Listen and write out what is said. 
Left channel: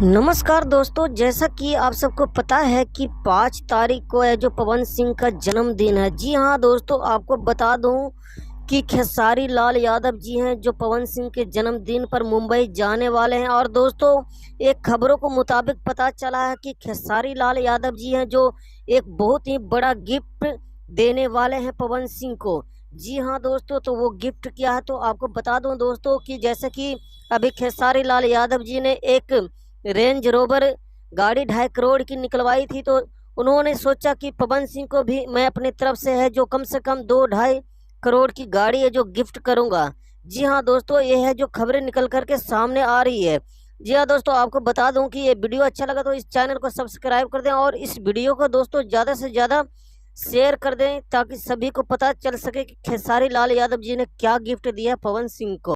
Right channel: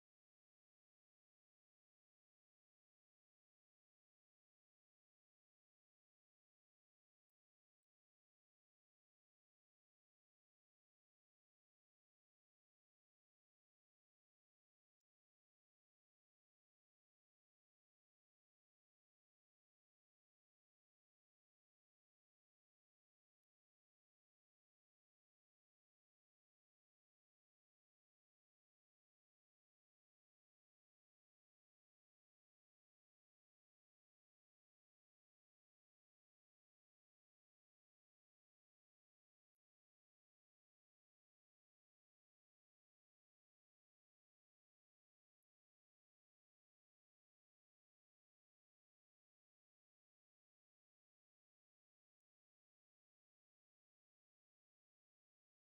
नमस्कार दोस्तों, जैसा कि आप सबको पता है कि 5 तारीख को है जो पवन सिंह का जन्मदिन है। जी हाँ दोस्तों, आपको बता दूं कि खेसारी लाल यादव जी हैं जो पवन सिंह के जन्मदिन पर मुंबई जाने वाले हैं। और दोस्तों, एक खबरों को मुताबिक पता चला है कि खेसारी लाल यादव जी हैं जो एक बहुत ही बड़ा गिफ्ट देने वाले हैं पवन सिंह को। जी हाँ दोस्तों, तो वो गिफ्ट क्या है तो आपको बता दूं दोस्तों कि जैसे कि अभी खेसारी लाल यादव जी ने एक रेंज रोवर गाड़ी 2.5 करोड़ की निकलवाई थी, तो उन्होंने सोचा कि पवन सिंह को भी मैं अपनी तरफ से है जो कम से कम 2-2.5 करोड़ की गाड़ी है जो गिफ्ट करूंगा। जी हाँ दोस्तों, ये है जो खबरें निकल करके सामने आ रही है। जी हाँ दोस्तों, आपको बता दूं कि ये वीडियो अच्छा लगा तो इस चैनल को सब्सक्राइब कर दें और इस वीडियो को दोस्तों ज़्यादा से ज़्यादा शेयर कर दें ताकि सभी को पता चल सके कि खेसारी लाल यादव जी ने क्या गिफ्ट दिया पवन सिंह को।